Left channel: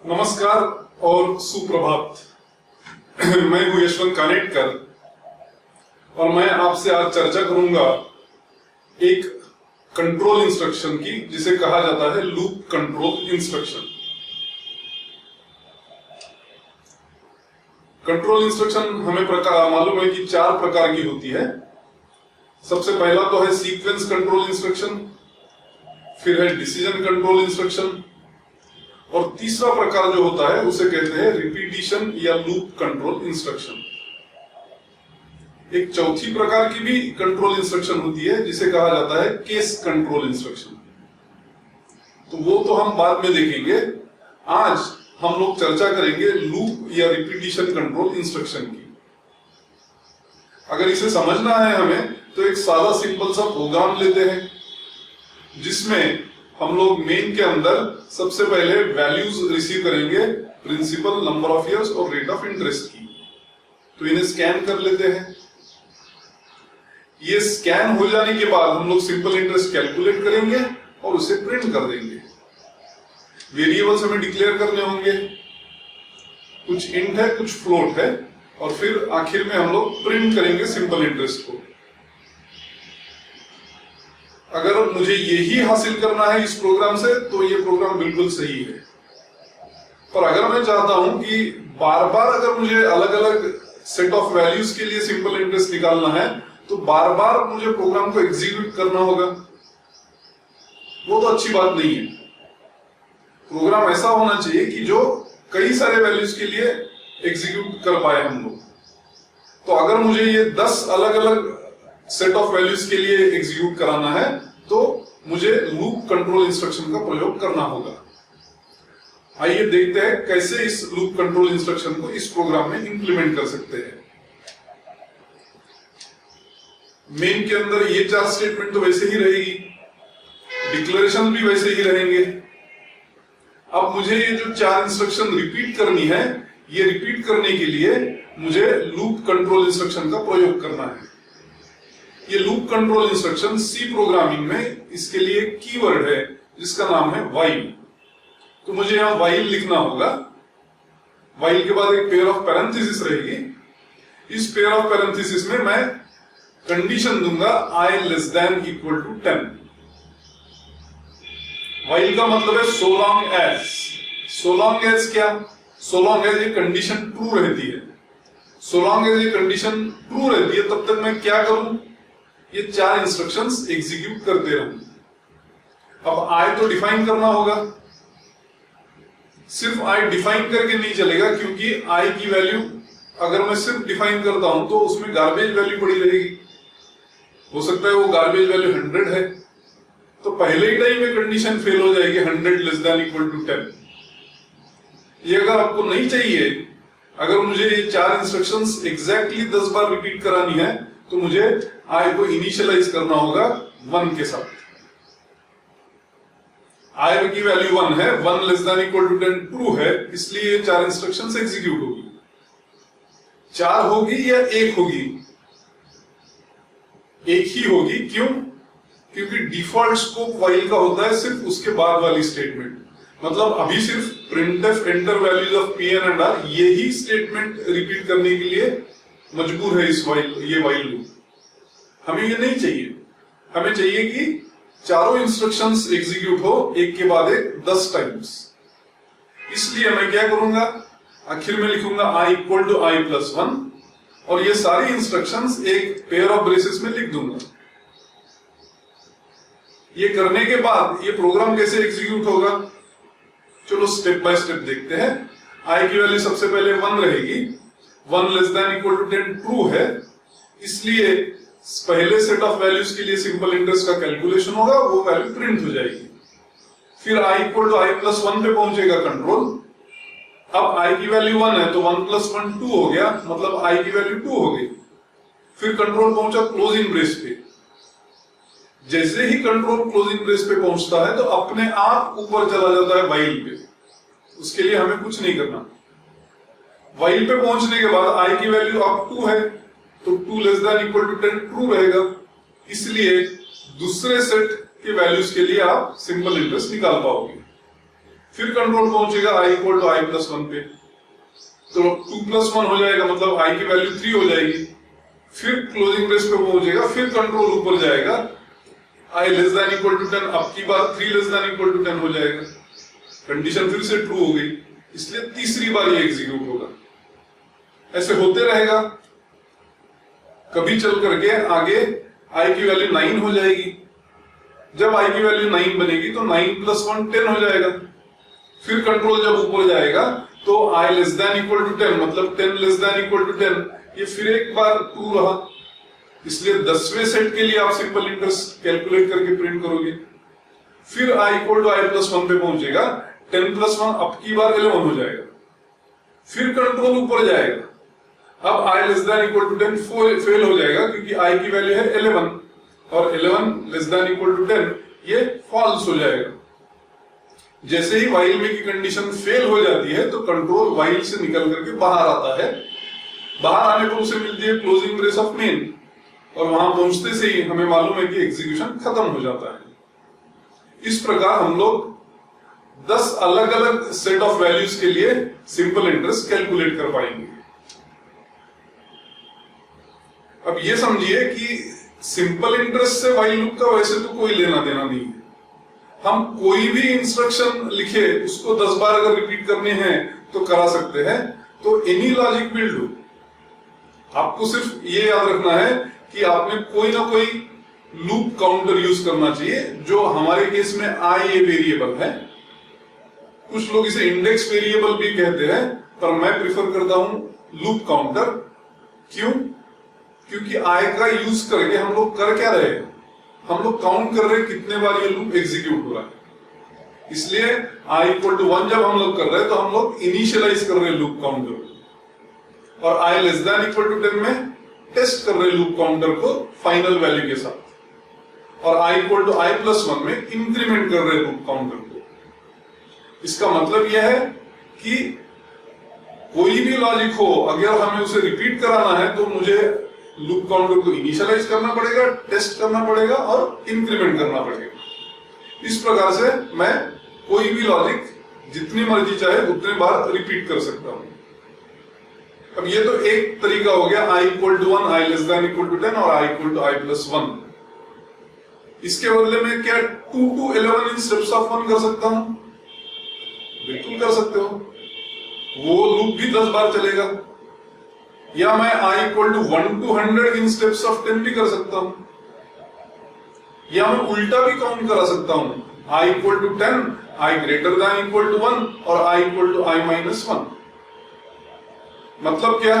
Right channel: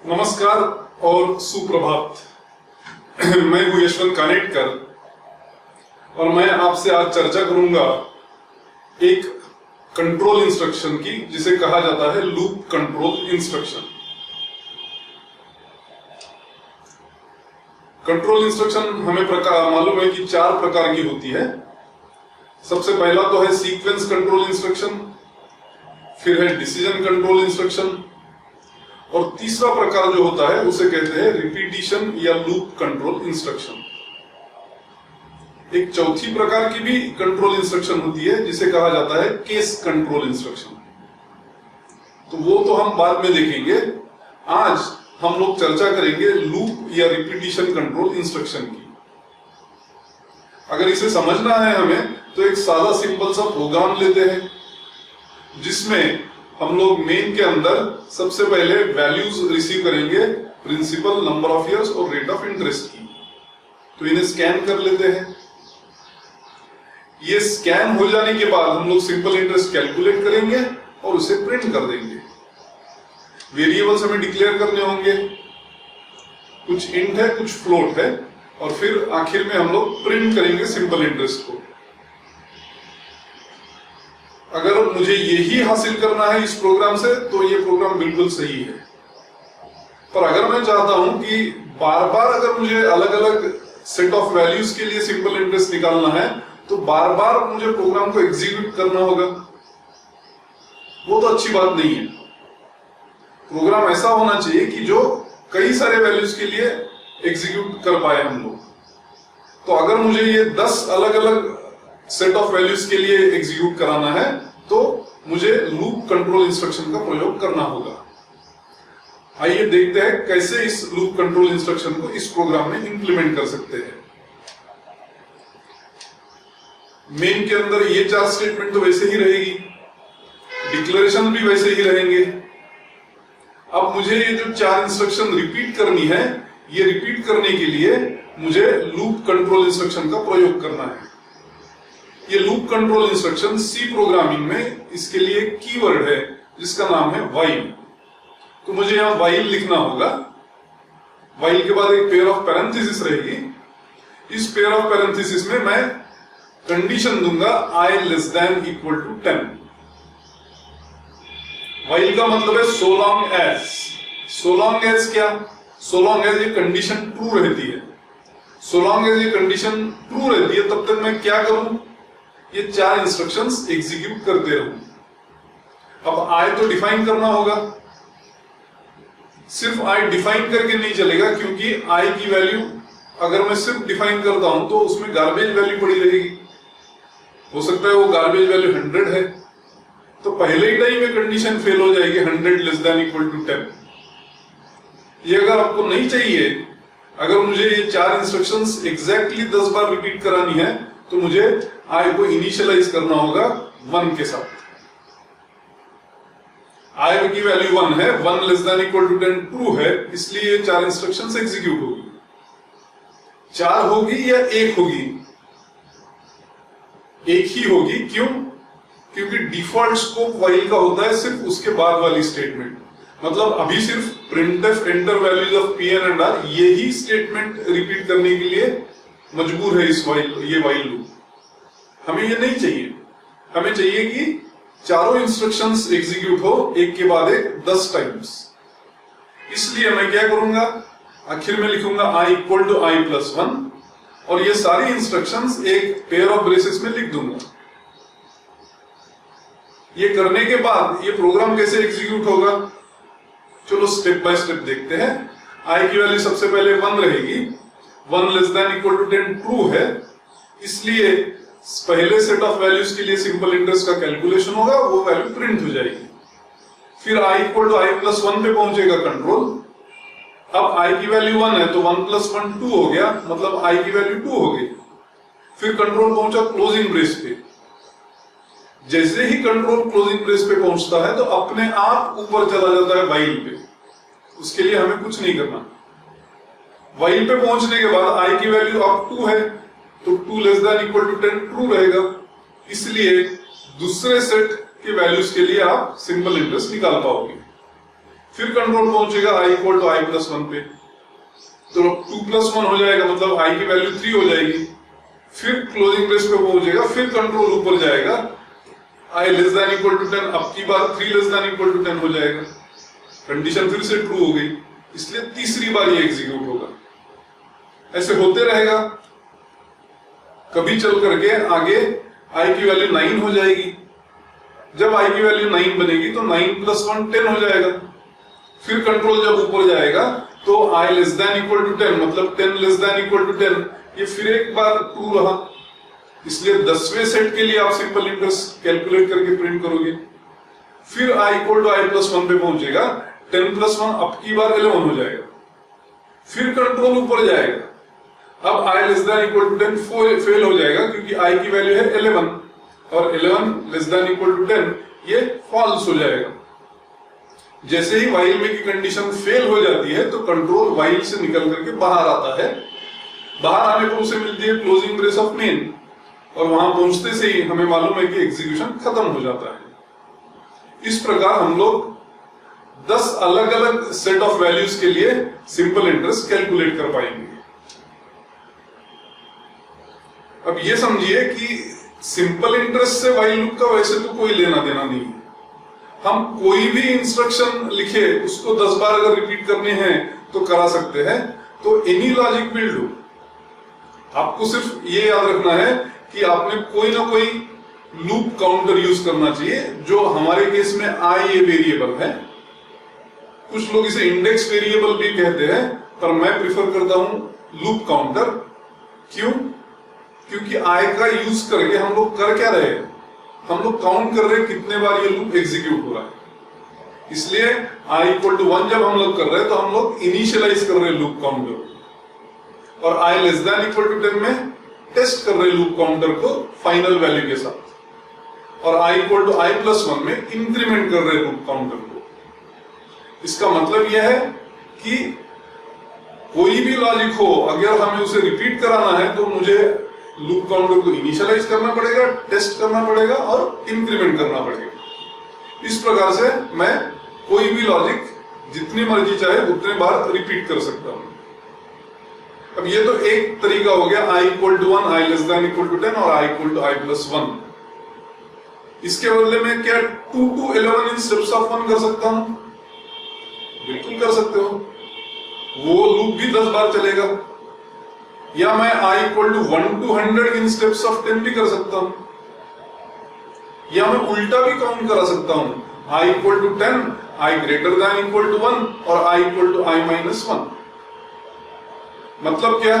नमस्कार और सुप्रभात। मैं हूं यशवंत कानेटकर और मैं आपसे आज चर्चा करूंगा एक कंट्रोल इंस्ट्रक्शन की जिसे कहा जाता है loop control instruction. Control instruction हमें मालूम है कि 4 प्रकार की होती है। सबसे पहला तो है सीक्वेंस कंट्रोल इंस्ट्रक्शन, फिर है डिसीजन कंट्रोल इंस्ट्रक्शन और तीसरा प्रकार जो होता है उसे कहते हैं रिपीटिशन या लूप कंट्रोल इंस्ट्रक्शन। एक चौथी प्रकार की भी कंट्रोल इंस्ट्रक्शन होती है जिसे कहा जाता है केस कंट्रोल इंस्ट्रक्शन। तो वो तो हम बाद में देखेंगे। आज हम लोग चर्चा करेंगे लूप या रिपीटिशन कंट्रोल इंस्ट्रक्शन की। अगर इसे समझना है हमें तो एक सादा सिंपल सा प्रोग्राम लेते हैं जिसमें हम लोग मेन के अंदर सबसे पहले वैल्यूज रिसीव करेंगे, प्रिंसिपल, नंबर ऑफ इयर्स और रेट ऑफ इंटरेस्ट की। तो इन्हें स्कैन कर लेते हैं। ये स्कैन हो जाने के बाद हम लोग सिंपल इंटरेस्ट कैलकुलेट करेंगे और उसे प्रिंट कर देंगे। वेरिएबल्स हमें डिक्लेयर करने होंगे, कुछ इंट है कुछ फ्लोट है, और फिर आखिर में हम लोग प्रिंट करेंगे सिंपल इंटरेस्ट को। अगर मुझे यही हासिल करना है इस प्रोग्राम से तो ये प्रोग्राम बिल्कुल सही है। पर अगर मैं चाहता हूं कि बार बार अगर मुझे अलग अलग सेट ऑफ वैल्यूज के लिए सिंपल इंटरेस्ट निकालना है तो बार बार मुझे प्रोग्राम को एग्जीक्यूट करना होगा। वो तो अच्छी बात नहीं है। प्रोग्राम ऐसा होना चाहिए कि जो कई सारे वैल्यूज के लिए एग्जीक्यूट कर पाए हम लोग। तो अगर मुझे ये 10 अलग अलग सेट ऑफ वैल्यूज के लिए एग्जीक्यूट कराना है तो मुझे लूप कंट्रोल इंस्ट्रक्शन का प्रयोग करना होगा। आइए देखते हैं कैसे इस लूप कंट्रोल इंस्ट्रक्शन को इस प्रोग्राम में इंप्लीमेंट कर सकते हैं। मेन के अंदर ये 4 स्टेटमेंट तो वैसे ही रहेगी, डिक्लेरेशन भी वैसे ही रहेंगे। अब मुझे ये जो 4 इंस्ट्रक्शन रिपीट करनी है, ये रिपीट करने के लिए मुझे लूप कंट्रोल इंस्ट्रक्शन का प्रयोग करना है। ये loop control instruction C programming में इसके लिए कीवर्ड है जिसका नाम है व्हाइल। तो मुझे यहां व्हाइल लिखना होगा। व्हाइल के बाद एक पेयर ऑफ पैरेंथेसिस रहेगी। इस पेयर ऑफ पैरेंथेसिस में मैं कंडीशन दूंगा i less than equal to 10। While का मतलब है so long as. So long as क्या? सो लॉन्ग एज ये कंडीशन ट्रू रहती है। सो लॉन्ग एज ये कंडीशन ट्रू रहती है तब तक मैं क्या करूं? ये 4 इंस्ट्रक्शंस एग्जीक्यूट करते रहूं। अब आई तो डिफाइन करना होगा। सिर्फ आई डिफाइन करके नहीं चलेगा, क्योंकि आई की वैल्यू अगर मैं सिर्फ डिफाइन करता हूं तो उसमें गार्बेज वैल्यू पड़ी रहेगी। हो सकता है वो गार्बेज वैल्यू 100 है तो पहले ही टाइम में कंडीशन फेल हो जाएगी 100 लेस देन इक्वल टू 10। ये अगर आपको नहीं चाहिए, अगर मुझे ये 4 इंस्ट्रक्शंस एग्जैक्टली 10 बार रिपीट करानी है तो मुझे आई को इनिशियलाइज करना होगा 1 के साथ। आई की वैल्यू 1 है, 1 less than equal to 10 true है, इसलिए ये 4 इंस्ट्रक्शंस एग्जीक्यूट होगी। 4 होगी या 1 होगी? 1 ही होगी। क्यों? क्योंकि डिफॉल्ट स्कोप व्हाइल का होता है सिर्फ उसके बाद वाली स्टेटमेंट। मतलब अभी सिर्फ printf enter values of pn and r यही स्टेटमेंट रिपीट करने के लिए मजबूर है ये व्हाइल लूप। हमें ये नहीं चाहिए। हमें चाहिए कि चारों इंस्ट्रक्शंस एग्जीक्यूट हो एक के बाद एक 10 टाइम्स। इसलिए मैं क्या करूंगा, आखिर में लिखूंगा i equal to i plus 1 और ये सारी इंस्ट्रक्शंस एक पेयर ऑफ ब्रेसेस में लिख दूंगा। ये करने के बाद ये प्रोग्राम कैसे एग्जीक्यूट होगा, चलो स्टेप बाय स्टेप देखते हैं। i की वैल्यू सबसे पहले 1 रहेगी। 1 less than equal to 10 true है, इसलिए पहले सेट ऑफ वैल्यूज के लिए सिंपल इंटरेस्ट का कैलकुलेशन होगा, वो वैल्यू प्रिंट हो जाएगी। फिर i equal to i plus 1 पे पहुंचेगा कंट्रोल। अब i की वैल्यू 1 है तो 1 प्लस 1 2 हो गया, मतलब i की वैल्यू 2 हो गई। फिर कंट्रोल पहुंचा क्लोजिंग ब्रेस पे। जैसे ही कंट्रोल क्लोजिंग ब्रेस पे पहुंचता है तो अपने आप ऊपर चला जाता है व्हाइल पे। उसके लिए हमें कुछ नहीं करना। व्हाइल पे पहुंचने के बाद i की वैल्यू अब 2 है तो 2 less than equal to 10 true रहेगा। इसलिए दूसरे सेट के वैल्यूज के लिए आप सिंपल इंटरेस्ट निकाल पाओगे। फिर कंट्रोल पहुंचेगा i इक्वल टू i+1 पे, तो 2+1 हो जाएगा, मतलब i की वैल्यू 3 हो जाएगी। फिर क्लोजिंग ब्रेस पे पहुंचेगा, फिर कंट्रोल ऊपर जाएगा, i less than equal to 10, अब की बार 3 लेस देन इक्वल टू 10 हो जाएगा, कंडीशन फिर से ट्रू हो गई, इसलिए तीसरी बार ये एग्जीक्यूट होगा। ऐसे होते रहेगा, कभी चल करके आगे i की वैल्यू 9 हो जाएगी। जब i की वैल्यू 9 बनेगी तो 9+1 10 हो जाएगा। फिर कंट्रोल जब ऊपर जाएगा तो i less than equal to 10, मतलब 10 लेस देन इक्वल टू 10, ये फिर एक बार ट्रू रहा, इसलिए 10वें सेट के लिए आप सिंपल इंटरेस्ट कैलकुलेट करके प्रिंट करोगे। फिर i इक्वल टू i+1 पे पहुंचेगा, 10+1 अब की बार 11 हो जाएगा। फिर कंट्रोल ऊपर जाएगा, अब i less than equal to 10 fail हो जाएगा, क्योंकि i की वैल्यू है 11 और 11 लेस देन इक्वल टू 10 ये फॉल्स हो जाएगा। जैसे ही व्हाइल में की कंडीशन फेल हो जाती है तो कंट्रोल व्हाइल से निकल करके बाहर आता है। बाहर आने पर उसे मिलती है क्लोजिंग ब्रेस ऑफ मेन, और वहां पहुंचते से ही हमें मालूम है कि एग्जीक्यूशन खत्म हो जाता है। इस प्रकार हम लोग 10 अलग अलग सेट ऑफ वैल्यूज के लिए सिंपल इंटरेस्ट कैलकुलेट कर पाएंगे। अब ये समझिए कि सिंपल इंटरेस्ट से व्हाइल लूप का वैसे तो कोई लेना देना नहीं है। हम कोई भी इंस्ट्रक्शन लिखे उसको 10 बार अगर रिपीट करने हैं तो करा सकते हैं, तो एनी लॉजिक विल डू। आपको सिर्फ ये याद रखना है कि आपने कोई ना कोई लूप काउंटर यूज करना चाहिए, जो हमारे केस में i ये वेरिएबल है। कुछ लोग इसे इंडेक्स वेरिएबल भी कहते हैं, पर मैं प्रिफर करता हूं लूप काउंटर। क्यों? क्योंकि i का यूज करके हम लोग कर क्या रहे हैं, हम लोग काउंट कर रहे हैं कितने बार ये लूप एग्जीक्यूट हो रहा है। इसलिए i इक्वल टू 1 जब हम लोग कर रहे हैं तो हम लोग इनिशियलाइज कर रहे हैं लूप काउंटर को, और i less than equal to 10 में टेस्ट कर रहे हैं लूप काउंटर को फाइनल वैल्यू के साथ, और i इक्वल टू i+1 में इंक्रीमेंट कर रहे हैं लूप काउंटर को। इसका मतलब यह है कि कोई भी लॉजिक हो, अगर हमें उसे रिपीट कराना है तो मुझे लूप काउंटर को इनिशियलाइज करना पड़ेगा, टेस्ट करना पड़ेगा और इंक्रीमेंट करना पड़ेगा। इस प्रकार से मैं कोई भी लॉजिक जितनी मर्जी चाहे उतने बार रिपीट कर सकता हूं। अब ये तो एक तरीका हो गया, i equal to 1, i less than equal to 10 और i इक्वल टू i+1। इसके बदले में क्या 2 to 11 इन स्टेप्स ऑफ 1 कर सकता हूं? बिल्कुल कर सकते हो, वो लूप भी 10 बार चलेगा। या मैं i equal to 1 to 100 in steps of 10 भी कर सकता हूं, या मैं उल्टा भी काउंट करा सकता हूं, i equal to 10, i greater than equal to 1 और i इक्वल टू i-1। मतलब क्या,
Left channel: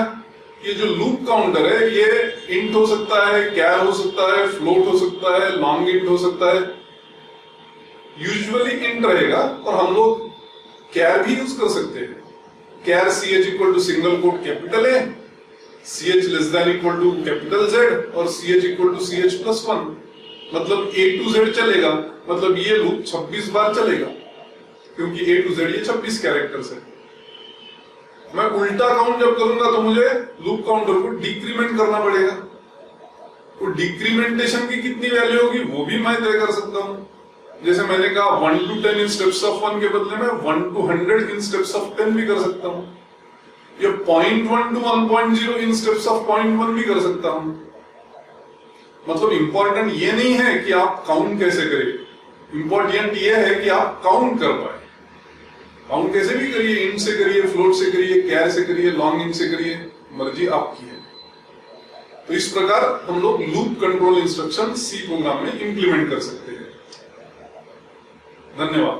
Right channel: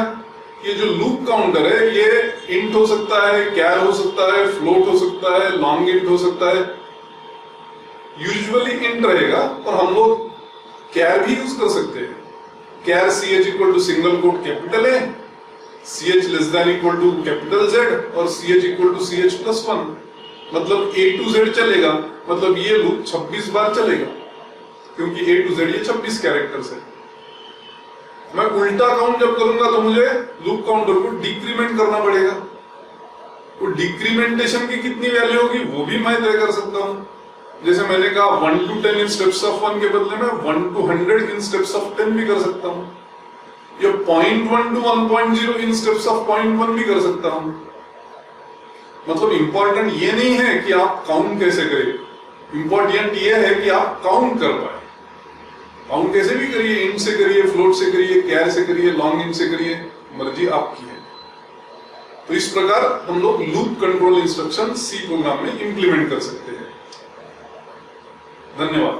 ये जो लूप काउंटर है ये इंट हो सकता है, कैर हो सकता है, फ्लोट हो सकता है, लॉन्ग इंट हो सकता है। यूजुअली इंट रहेगा, और हम लोग कैर भी यूज कर सकते हैं। Char ch equal to single quote capital A, ch less than equal to capital Z और ch इक्वल टू ch+1, मतलब A to Z चलेगा। मतलब ये लूप 26 बार चलेगा, क्योंकि A to Z ये 26 कैरेक्टर्स है। मैं उल्टा काउंट जब करूंगा तो मुझे लूप काउंटर को डिक्रीमेंट करना पड़ेगा। तो डिक्रीमेंटेशन की कितनी वैल्यू होगी वो भी मैं तय कर सकता हूं। जैसे मैंने कहा 1 to 10 इन स्टेप्स ऑफ 1 के बदले में 1 to 100 इन स्टेप्स ऑफ 10 भी कर सकता हूं, या 0.1 to 1.0 इन स्टेप्स ऑफ 0.1 भी कर सकता हूं। मतलब इंपॉर्टेंट ये नहीं है कि आप काउंट कैसे करें, इंपॉर्टेंट ये है कि आप काउंट कर पाए। काउंट कैसे भी करिए, इंट से करिए, फ्लोट से करिए, कैर से करिए, लॉन्ग इंट से करिए, मर्जी आपकी है। तो इस प्रकार हम लोग loop control instruction C program में इंप्लीमेंट कर सकते हैं। धन्यवाद।